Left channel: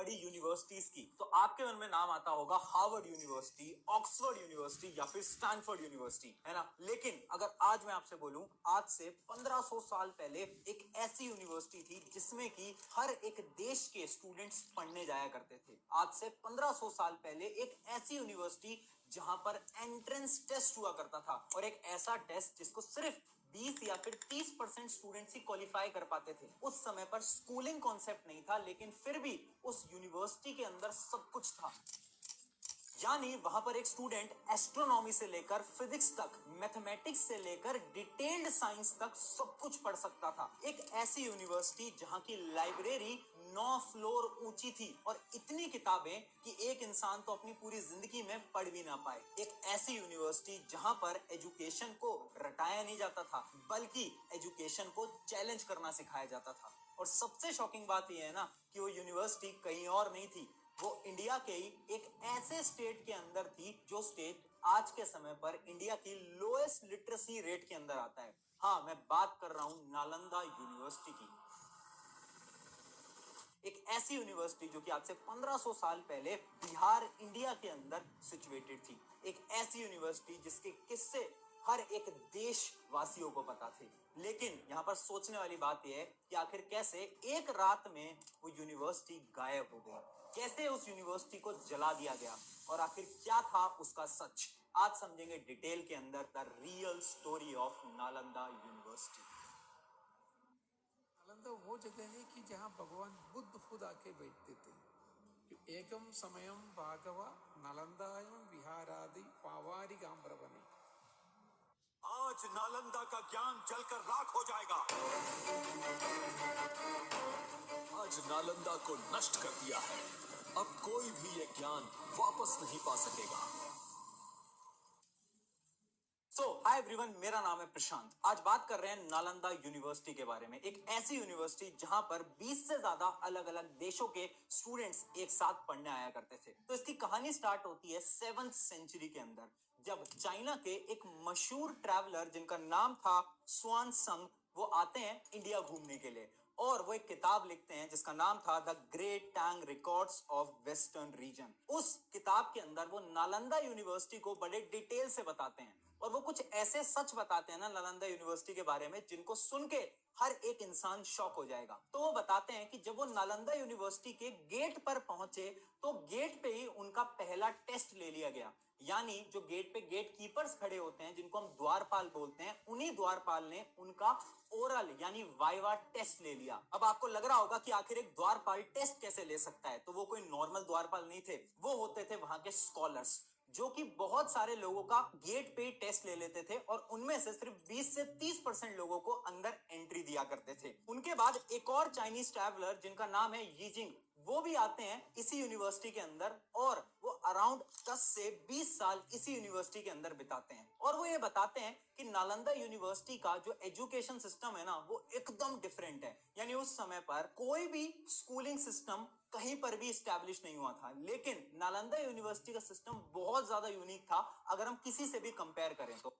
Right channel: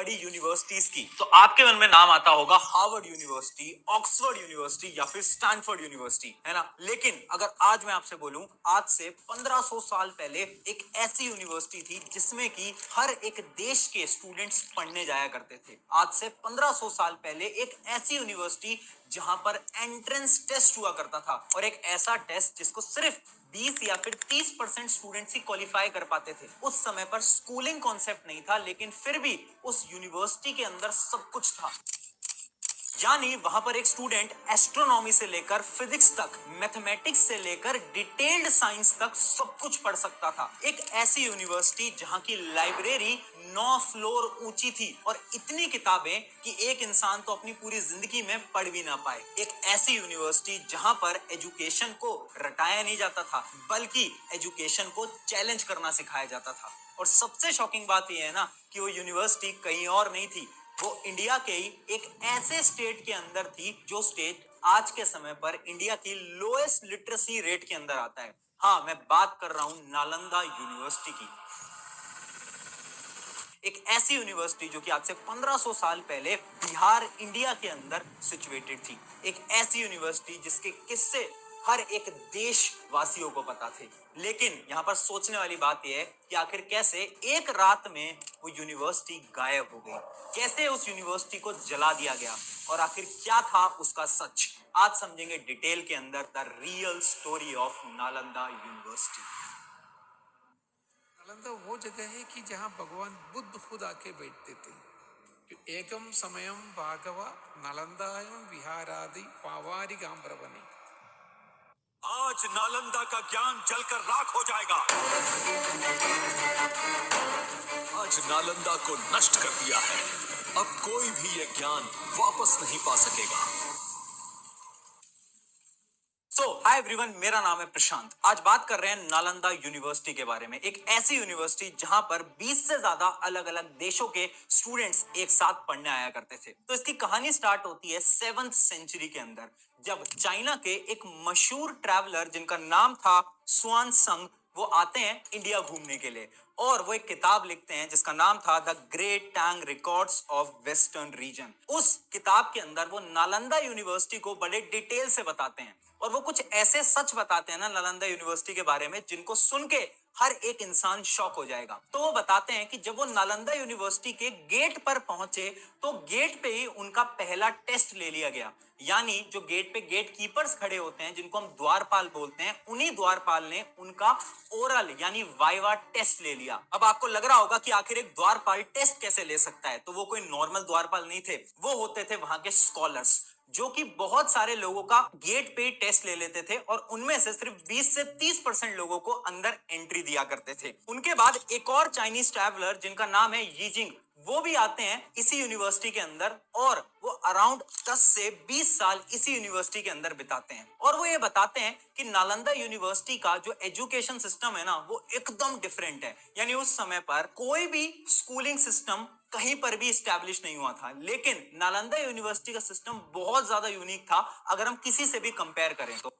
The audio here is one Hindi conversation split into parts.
बड़ी यूनिवर्सिटीज की, तो आपके मन में नाम आता होगा हार्वर्ड यूनिवर्सिटी, ऑक्सफोर्ड यूनिवर्सिटी या फिर स्टैनफोर्ड यूनिवर्सिटी, है ना। लेकिन अगर आज मैं आपसे बोलूं, आज से 1500 साल पहले एक ऐसी यूनिवर्सिटी थी जिसमें कि हर एक देश के स्टूडेंट्स पढ़ने जाया करते थे। आज से 1500 साल पहले एक ऐसी यूनिवर्सिटी जहां पर एंट्रेंस टेस्ट हुआ करता था, और एक ऐसा टेस्ट जिसको सिर्फ 20 या फिर 30% स्टूडेंट्स ही क्वालिफाई कर पाते थे। उस समय पर स्कूलिंग कॉन्सेप्ट नहीं था, लेकिन फिर भी उस यूनिवर्सिटी के अंदर सब कुछ था। यानी वहां पर एक स्टूडेंट एस्ट्रोनॉमी से लेकर फिजिक्स तक, मैथमेटिक्स से लेकर डिटेल्ड साइंस तक सब कुछ पढ़ सकता था। एक ऐसी यूनिवर्सिटी जहां की लाइब्रेरी 9 फ्लोर ऊंची थी, और इतनी किताबें कि एक इंसान तो अपनी पूरी जिंदगी में पढ़ भी ना पाए। एक ऐसी यूनिवर्सिटी जहां पर एजुकेशन को रटाया नहीं जाता था, बल्कि एजुकेशन को चैलेंज करना सिखाया जाता था। और सबसे शॉकिंग बात यह है ना कि वो यूनिवर्सिटी कहीं और नहीं थी, वो इंडिया के ही एक ऐसे स्टेट के अंदर थी जो स्टेट आज के समय पर इंडिया की लोएस्ट लिटरेसी रेट के अंदर आता है। हाँ, मैं बात कर रहा हूं नालंदा यूनिवर्सिटी की। एक ऐसी यूनिवर्सिटी जो कि आज से 1500 साल पहले बिहार, इंडिया के अंदर सिचुएटेड थी। एक ऐसी यूनिवर्सिटी जिसके किस्से हर एक देशवासियों को पता थे। लेकिन यहाँ पर सोचने वाली बात यह है कि आखिर कैसे एक रात में वो यूनिवर्सिटी गायब हो गई, कैसे उस यूनिवर्सिटी को जला दिया गया, और आखिर क्या था उसका सच। आज समझेंगे डिटेल के अंदर the real story of Nalanda university. Nalanda वो जगह है कि जहाँ भगवान बुद्ध खुद आके बैठते थे। कि एकम समयम भागवा नालंदायम विहारादि पावारिगाम्रवने। आज नालंदा का ज्ञान जलकर राख हो जाएगा। आज नालंदा को नष्ट कर दिया है, अब कोई भी यह ज्ञान वापस नहीं पा सकेगा। हाय एवरीवन, मेरा नाम है प्रशांत। आज बात कर रहे हैं नालंदा यूनिवर्सिटी के बारे में। एक ऐसी यूनिवर्सिटी जहां पर 20 से ज्यादा अलग अलग देशों के स्टूडेंट्स एक साथ पढ़ने आया करते थे। तो इसकी कहानी स्टार्ट होती है 7th सेंचुरी के अंदर, जब चाइना के एक मशहूर ट्रैवलर जिनका नाम था स्वान संग, वो आते हैं इंडिया घूमने के लिए, और वो एक किताब लिखते हैं जिसका नाम था the great Tang records of western region. उस किताब के अंदर वो नालंदा यूनिवर्सिटी को बड़े डिटेल से बताते हैं, और वो कुछ ऐसे सच बताते हैं ना नालंदा यूनिवर्सिटी के बारे में जिनको सुन के हर एक इंसान शॉक हो जाएगा। तो वो बताते हैं कि जब वो नालंदा यूनिवर्सिटी के गेट पर पहुंचे, तो गेट पे ही उनका पहला टेस्ट ले लिया गया। यानी जो गेट पे गेट कीपर्स खड़े होते हैं, जिनको हम द्वारपाल बोलते हैं, उन्हीं द्वारपाल ने उनका ओरल यानी वाइवा टेस्ट ले लिया। अब आपको लग रहा होगा कि आखिर एक द्वारपाल टेस्ट कैसे ले सकता है, तो वो कोई नॉर्मल द्वारपाल नहीं थे, वो होते थे वहां के स्कॉलर्स, जो कि बहुत सारे लोगों का गेट पे टेस्ट ले लेते थे, और उनमें से सिर्फ 20 से 30% लोगों को अंदर एंट्री दिया करते थे। उनके बाद एक और चाइनीज ट्रैवलर जिनका नाम है यीजिंग, वो भी आते हैं इसी यूनिवर्सिटी के अंदर, और वो अराउंड 10 से 20 साल इसी यूनिवर्सिटी के अंदर बिताते हैं। और वो ये बताते हैं कि नालंदा यूनिवर्सिटी का जो एजुकेशन सिस्टम है ना, वो एकदम डिफरेंट है। यानी उस समय पर कोई भी स्कूलिंग सिस्टम कहीं पर भी स्टैब्लिश नहीं हुआ था, लेकिन नालंदा यूनिवर्सिटी का सिस्टम बहुत ज्यादा यूनिक था अगर हम किसी से भी कंपेयर करें तो।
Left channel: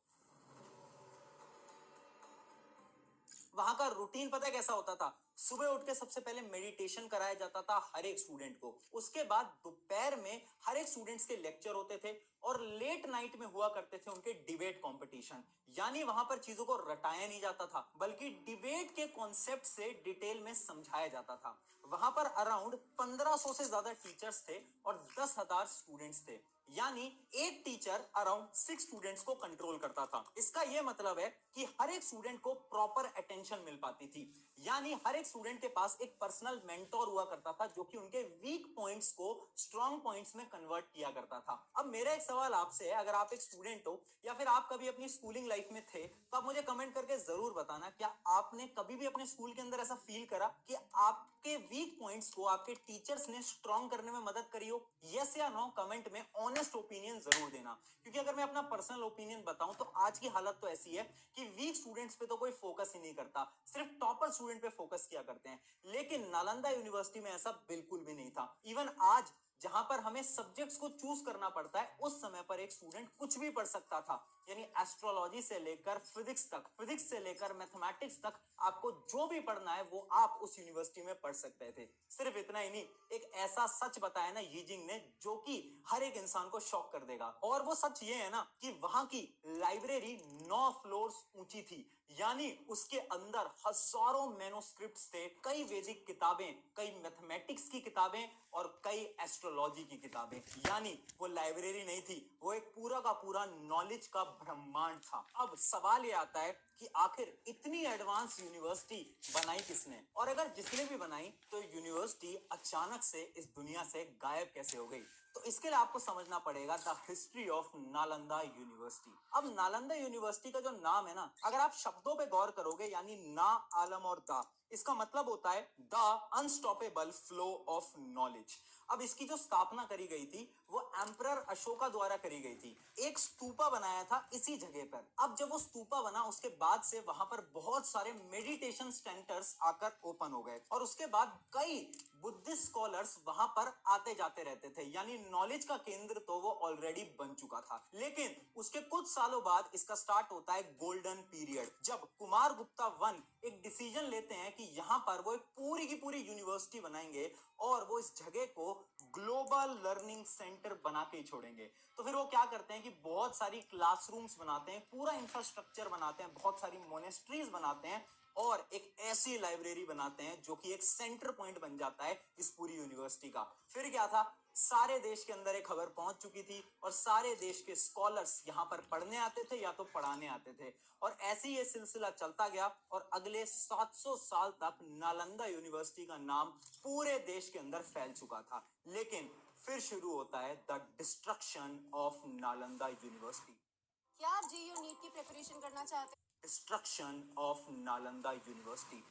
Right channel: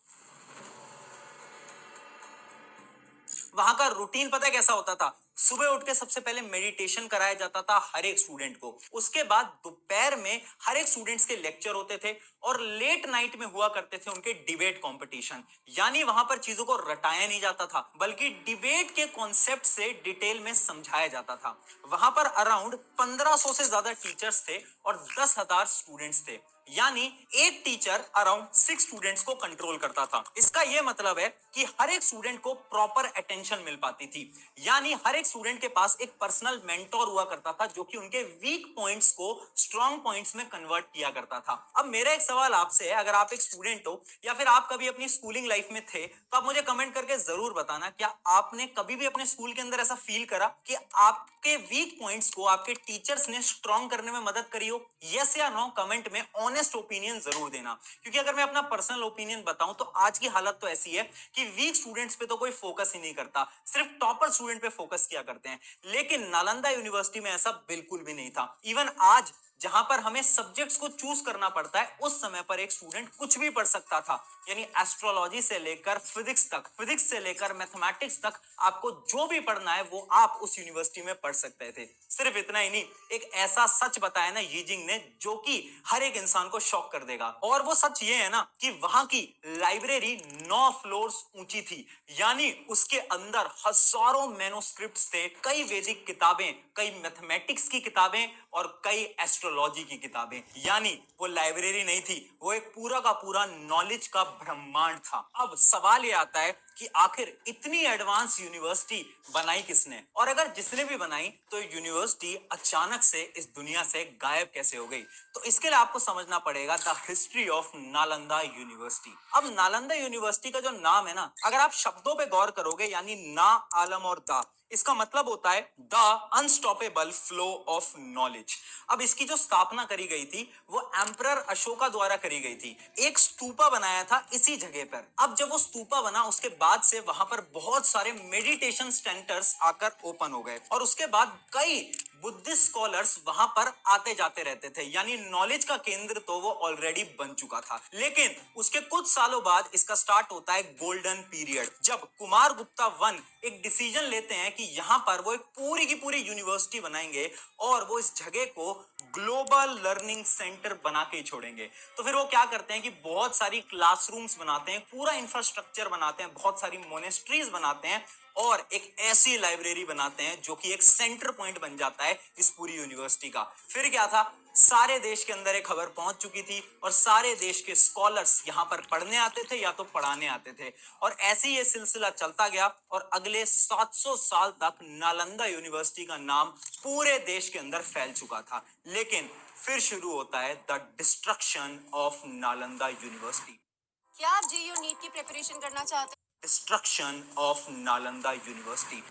वहां का रूटीन पता है कैसा होता था? सुबह उठ के सबसे पहले मेडिटेशन कराया जाता था हर एक स्टूडेंट को। उसके बाद दोपहर में हर एक स्टूडेंट्स के लेक्चर होते थे, और लेट नाइट में हुआ करते थे उनके डिबेट कंपटीशन। यानी वहां पर चीजों को रटाया नहीं जाता था, बल्कि डिबेट के कॉन्सेप्ट से डिटेल में समझाया जाता था। वहां पर अराउंड 1500 से ज्यादा टीचर्स थे और 10,000 स्टूडेंट्स थे। यानी एक टीचर अराउंड 6 स्टूडेंट्स को कंट्रोल करता था। इसका यह मतलब है कि हर एक स्टूडेंट को प्रॉपर अटेंशन मिल पाती थी। यानी हर एक स्टूडेंट के पास एक पर्सनल मेंटोर हुआ करता था, जो कि उनके वीक पॉइंट्स को स्ट्रॉन्ग पॉइंट्स में कन्वर्ट किया करता था। अब मेरा एक सवाल आपसे है, अगर आप एक स्टूडेंट हो या फिर आप कभी अपनी स्कूलिंग लाइफ में थे, तो आप मुझे कमेंट करके जरूर बताना, क्या आपने कभी भी अपने स्कूल के अंदर ऐसा फील करा कि आपके वीक पॉइंट्स को आपके टीचर्स ने स्ट्रॉन्ग करने में मदद करी हो? यस या नो कमेंट में ऑनेस्ट ओपिनियन जरूर देना। क्योंकि अगर मैं अपना पर्सनल ओपिनियन बताऊं तो आज की हालत तो ऐसी है कि वीक स्टूडेंट्स पे तो कोई फोकस ही नहीं करता, सिर्फ टॉपर स्टूडेंट पे फोकस किया करते हैं। लेकिन नालंदा यूनिवर्सिटी में ऐसा बिल्कुल भी नहीं था। इवन आज जहां पर हमें सब्जेक्ट्स को चूज करना पड़ता है, उस समय पर एक स्टूडेंट कुछ भी पढ़ सकता था। यानी एस्ट्रोलॉजी से लेकर फिजिक्स तक, फिजिक्स से लेकर मैथमेटिक्स तक, आपको जो भी पढ़ना है वो आप उस यूनिवर्सिटी में पढ़ सकते थे। सिर्फ इतना ही नहीं, एक ऐसा सच बताया ना यीजिंग ने जो कि हर एक इंसान को शॉक कर देगा। और वो सच ये है ना कि वहां की लाइब्रेरी 9 फ्लोर्स ऊंची थी। यानी उसके अंदर हजारों मैनोस्क्रिप्ट्स थे, कई वैदिक किताबें, कई मैथमेटिक्स की किताबें और कई एस्ट्रोलॉजी की किताबें। यानी वो लाइब्रेरी नहीं थी, वो एक पूरा का पूरा नॉलेज का ब्रह्मांड था। अब सवाल ये आता है कि आखिर इतनी एडवांस यूनिवर्सिटी बनाई किसने, और अगर जिसने भी बनाई तो यूनिवर्सिटी अचानक से इस दुनिया से गायब कैसे हो गई। तो इसके लिए आपको समझना पड़ेगा the history of Nalanda university. अब नालंदा यूनिवर्सिटी का जो नाम है ना, अगर आप शब्दों पे गौर करोगे, यानी ना, आलम और दा, इसका मतलब होता है the unstoppable flow of knowledge. अब इसकी जो स्थापना करी गई थी वो एम्परर अशोका द्वारा करी गई थी। एक स्तूपा बनाया था इसी जगह पर। अब जब वो स्तूपा बना, उसके बाद से वहां पर बहुत सारे मेडिटेशन सेंटर्स आकर ओपन हो गए, और उसके बाद कई बुद्धिस्ट स्कॉलर्स वहां पर आते जाते रहते थे। यानी नॉलेज का केंद्र तो वो ऑलरेडी बन चुका था। लेकिन उसके कुछ सालों बाद इसका स्टार्ट होता है गोल्डन पीरियड, जब कुमार गुप्ता वन एक डिसीजन लेते हैं कि यहां पर वो एक पूरी की पूरी यूनिवर्सिटी बनाएंगे और वो इस जगह को ग्लोबल लर्निंग सेंटर बना के ही छोड़ेंगे। तो फिर वो क्या करते हैं कि बहुत सारी क्लासरूम्स बनाते हैं, पूरा इंफ्रास्ट्रक्चर बनाते हैं, बहुत सारी मोनेस्ट्रीज बनाते हैं और एक ऐसी लाइब्रेरी बनाते हैं जो कि एक सेंटर पॉइंट बन जाता है इस पूरी यूनिवर्सिटी का। फिर क्या था, सारे देश के अंदर एक खबर पहुंच चुकी थी और सारे देश के स्कॉलर्स यहां पर पढ़ने आते थे या तो पढ़ाने आते थे, और ऐसे ही ये सिलसिला चलता गया और अगले 700 साल तक नालंदा यूनिवर्सिटी का नाम पूरे देश के अंदर फैल चुका था। लेकिन फिर शुरू होता है the destruction of Nalanda university. क्या आप जेयू नीट की प्रिपरेशन करना चाहते हैं? Destruction of Nalanda university.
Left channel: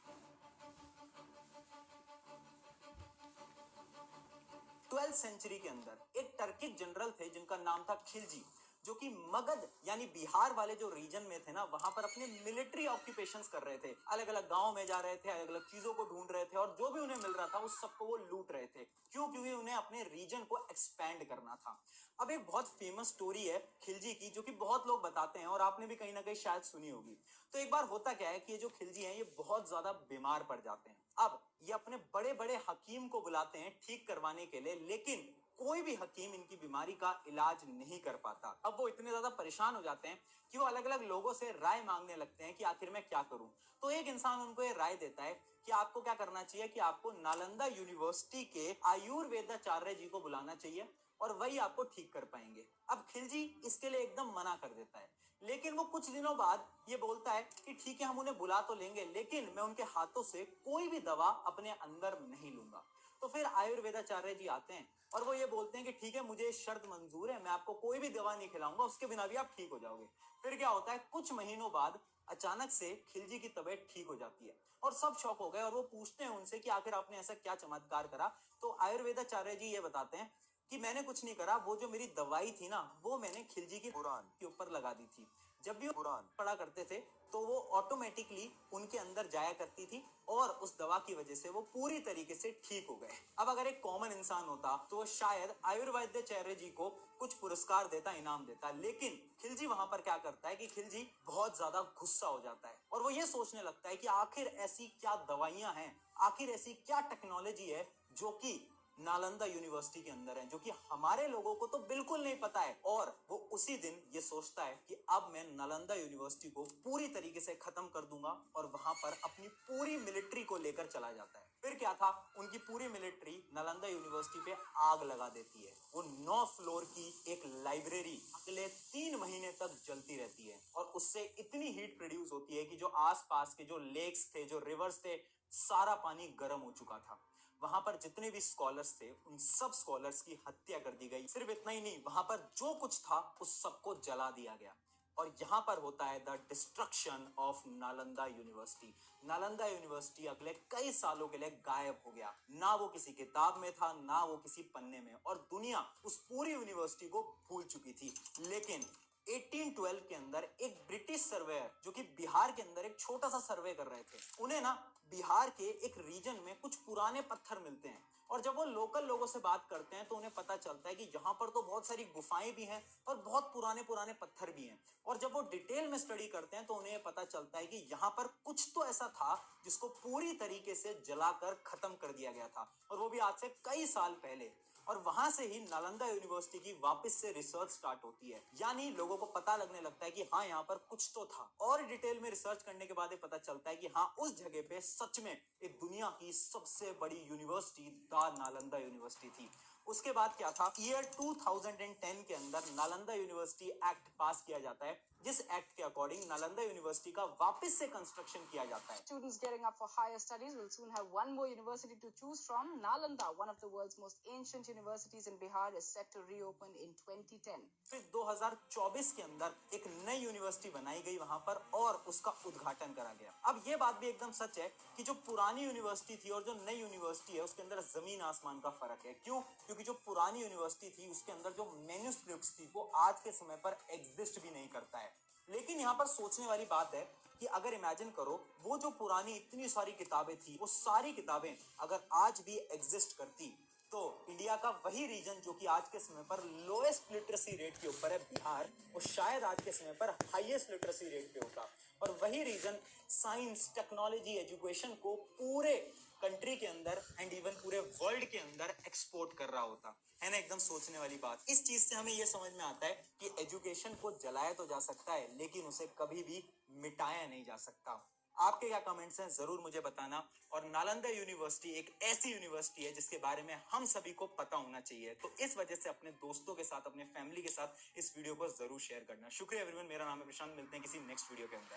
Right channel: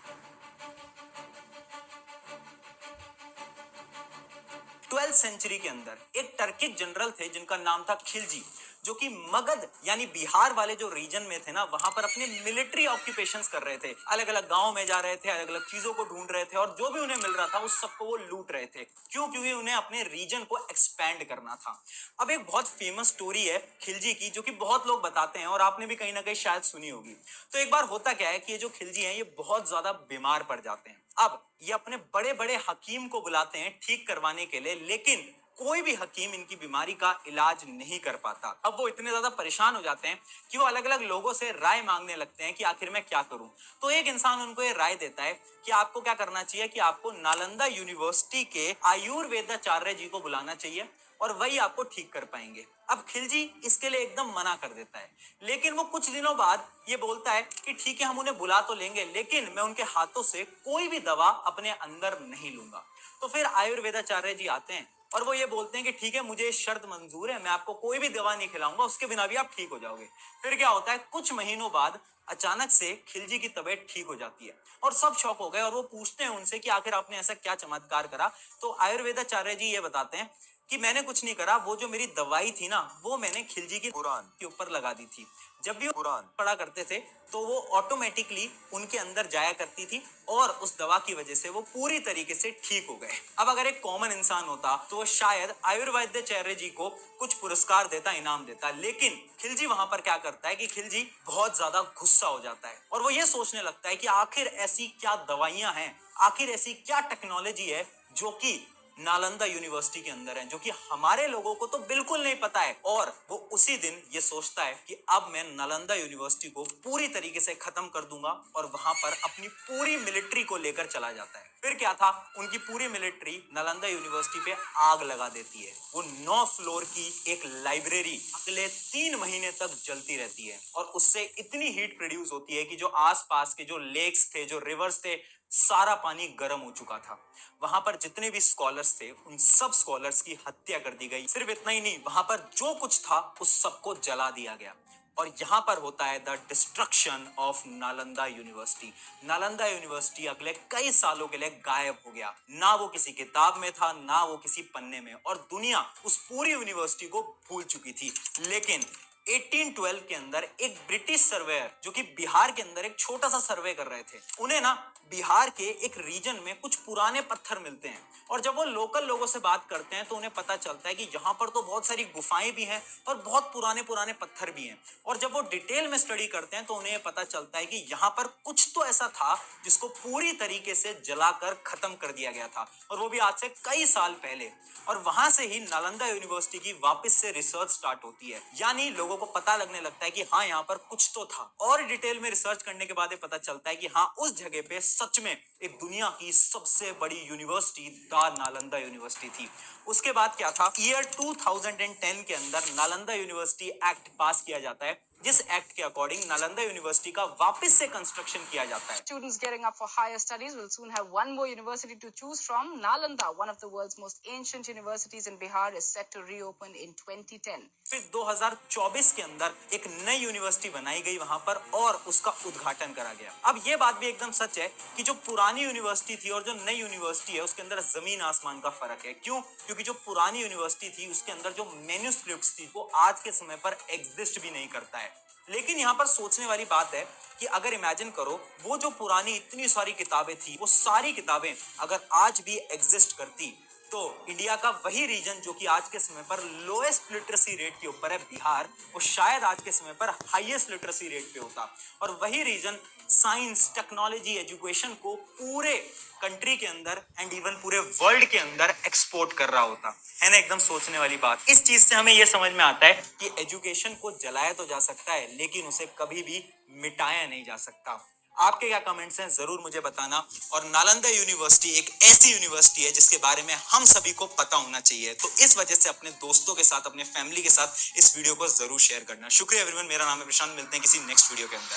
12th century के अंदर एक टर्किक जनरल थे जिनका नाम था खिलजी, जो कि मगध यानी बिहार वाले जो रीजन में थे ना, वहां पर अपने मिलिट्री ऑक्यूपेशंस कर रहे थे। अलग अलग गांव में जा रहे थे, अलग अलग चीजों को ढूंढ रहे थे और जो भी उन्हें मिल रहा था उस सबको वो लूट रहे थे। क्यों? क्योंकि उन्हें अपने रीजन को एक्सपैंड करना था। अब एक बहुत फेमस स्टोरी है खिलजी की, जो कि बहुत लोग बताते हैं और आपने भी कहीं ना कहीं शायद सुनी होगी। तो एक बार होता क्या है कि ये जो खिलजी हैं ये बहुत ज्यादा बीमार पड़ जाते हैं। अब ये अपने बड़े बड़े हकीम को बुलाते हैं ठीक करवाने के लिए, लेकिन कोई भी हकीम इनकी बीमारी का इलाज नहीं कर पाता। अब वो इतने ज्यादा परेशान हो जाते हैं कि वो अलग अलग लोगों से राय मांगने लगते हैं कि आखिर मैं क्या करूं। तो एक इंसान उनको ये राय देता है कि आपको क्या करना चाहिए, कि आपको नालंदा यूनिवर्सिटी के आयुर्वेदाचार्य जी को बुलाना चाहिए और वही आपको ठीक कर पाएंगे। अब खिलजी इसके लिए एकदम मना कर देता है, लेकिन वो कुछ दिनों बाद ये बोलता है कि ठीक है, हम उन्हें बुला तो लेंगे, लेकिन मैं उनके हाथों से कोई भी दवा अपने अंदर नहीं लूंगा। तो फिर आयुर्वेदाचार्य जी आते हैं और वो ये बोलते हैं कि ठीक है, मुझे शर्त मंजूर है, मैं आपको कोई भी दवा नहीं खिलाऊंगा, उसके बिना भी आप ठीक हो जाओगे। फिर क्या होता है, कुछ महीनों बाद अचानक से खिलजी की तबीयत ठीक हो जाती है और सब शौक हो गए और वो पूछते हैं उनसे कि आखिर आपने ऐसा क्या चमत्कार करा। तो आयुर्वेदाचार्य जी ये बताते हैं कि मैंने कुछ नहीं करा, वो जो मेरी दवाई थी ना, वो मैंने खिलजी की कुरान के ऊपर लगा दी थी। जब भी वो कुरान पढ़ा करते थे तो वो ऑटोमेटिकली उनके अंदर जाया करती थी और उस दवा की वजह से वो पूरी तरीके से ठीक हो गए। अब अगर एक कॉमन इंसान होता तो वो शायद आयुर्वेदाचार्य जी को कुछ पुरस्कार देता, इनाम देता, लेकिन खिलजी वहां पर क्या करता है कि खिलजी बहुत ज्यादा गुस्सा हो जाता है और वो ये सोचने लगता है कि आखिर ऐसी क्या दवाइयां हैं, आखिर ऐसी क्या टेक्नोलॉजी है जो कि नालंदा यूनिवर्सिटी के अंदर है, जो कि हमारे लोगों को तो बिल्कुल नहीं पता है। और वो उसी दिन ये सोचता है कि अब मैं नालंदा यूनिवर्सिटी को पूरी तरीके से खत्म कर दूंगा और वहां पर अपनी पूरी मिलिट्री को लेकर चला जाता है। फिर क्या था, उनकी पूरी मिलिट्री नालंदा यूनिवर्सिटी पे आग लगा देती है। वो 9 फ्लोर की एक लाइब्रेरी अगले 3 महीने तक जलती रहती है और उससे इतनी हीट प्रोड्यूस होती है कि जो आसपास के जो लेक्स थे, जो रिवर्स थे, सारा पानी गर्म हो चुका था। वहां पर जितने भी स्कॉलर्स थे उन सब स्कॉलर्स की हत्या कर दी गई। सिर्फ इतना ही नहीं, वहां पर जो कुछ था उस सबको जला दिया गया। और यहां पर होता है the destruction of Nalanda university. Nalanda university अगले कई सालों के लिए गायब हो गया, ना वो किसी किताब में था, ना वो किसी पन्ने में, और दुनिया उस पूरी यूनिवर्सिटी को भूल चुकी थी। लेकिन 1812 के अंदर एक ब्रिटिश सर्वेयर जो कि बिहार के अंदर एक छोटा सा सर्वे कर रहे थे, उन्हें ना बिहार के एक रीजन में कुछ पुराने पत्थर मिलते हैं और जब वो लोकल लोगों से बात करते हैं तो उन्हें पता चलता है कि यहाँ पर तो बहुत सारी गुफाएं भी हैं और बहुत पुराने पुराने पत्थर भी हैं। और जब वो डिटेल में स्टडी करते हैं तो उन्हें पता चलता है कि यहाँ पर कुछ तो ऐसा था जिसको पूरी तरीके से जलाकर खत्म कर दिया गया था, और वो भी आज से कई साल पहले। और वहां से ही नालंदा यूनिवर्सिटी की वापस से रिसर्च स्टार्ट होती है, यानी लोगों को पता लगने लगता है कि हाँ यहाँ पर कुछ तो था। और डिटेल में रिसर्च करने के बाद ये पता चलता है कि हाँ उस जगह पे सच में एक दुनिया की सबसे बड़ी यूनिवर्सिटी द नालंदा यूनिवर्सिटी थी। उसके बाद क्या था, ईयर 2010 के अंदर नालंदा यूनिवर्सिटी एक्ट पास किया जाता है, जिस एक्ट के अकॉर्डिंग नालंदा यूनिवर्सिटी का वापस से कंस्ट्रक्शन किया जाता है। Students gearing up for higher studies will soon have one more university to choose from. Nalanda, one of the world's most ancient universities in Bihar, is set to reopen in 2010. फिर 2024 के अंदर एक नई यूनिवर्सिटी बनाई गई वहां पर और उसका उद्घाटन करा गया। अब ये बात भी एकदम सच है कि जो पुरानी यूनिवर्सिटी थी और जो नई यूनिवर्सिटी है उसके अंदर जमीन आसमान का फर्क है। क्यों? क्योंकि जो पुरानी यूनिवर्सिटी थी उसके अंदर जो मैन्युस्क्रिप्ट्स थी वो आज के समय पर एग्जिस्ट भी नहीं करता है। लेकिन यहाँ पर सोचने वाली बात है कि अगर इमेजिन करो वो जो पुरानी इतनी सारी किताबें थी, वो सारी किताबें अगर आज भी एग्जिस्ट करती तो इंडिया का वही रीजन जो कि आज के समय पर लोएस्ट लिटरेसी रेट के ऊपर है, बिहार, वो शायद आज के समय पर हाईएस्ट लिटरेसी रेट पे होता। और वही रीजन साइंस, टेक्नोलॉजी, एजुकेशन को पूरे कंट्री के अंदर एंड इवन पूरे वर्ल्ड के अंदर एक्सपोर्ट कर रहा होता है ना। एकदम सोचने वाली बात। इस चीज से हमें यह समझ में आता है कि एजुकेशन को जलाया तो जा सकता है लेकिन उसे कभी भी मिटाया नहीं जा सकता। आपके क्या कमेंट्स हैं जरूर मुझे बताना। और नालंदा यूनिवर्सिटी एक ऐसी यूनिवर्सिटी है जिसके बारे में हम सभी को पता होना चाहिए, तो इस वजह से अपने दोस्तों के साथ, अपने फैमिली के साथ इस वीडियो को जरूर शेयर करना। शुक्रिया एवरीवन, मेरा नाम है प्रशांत, मिलते हैं किसी नेक्स्ट वीडियो के अंदर।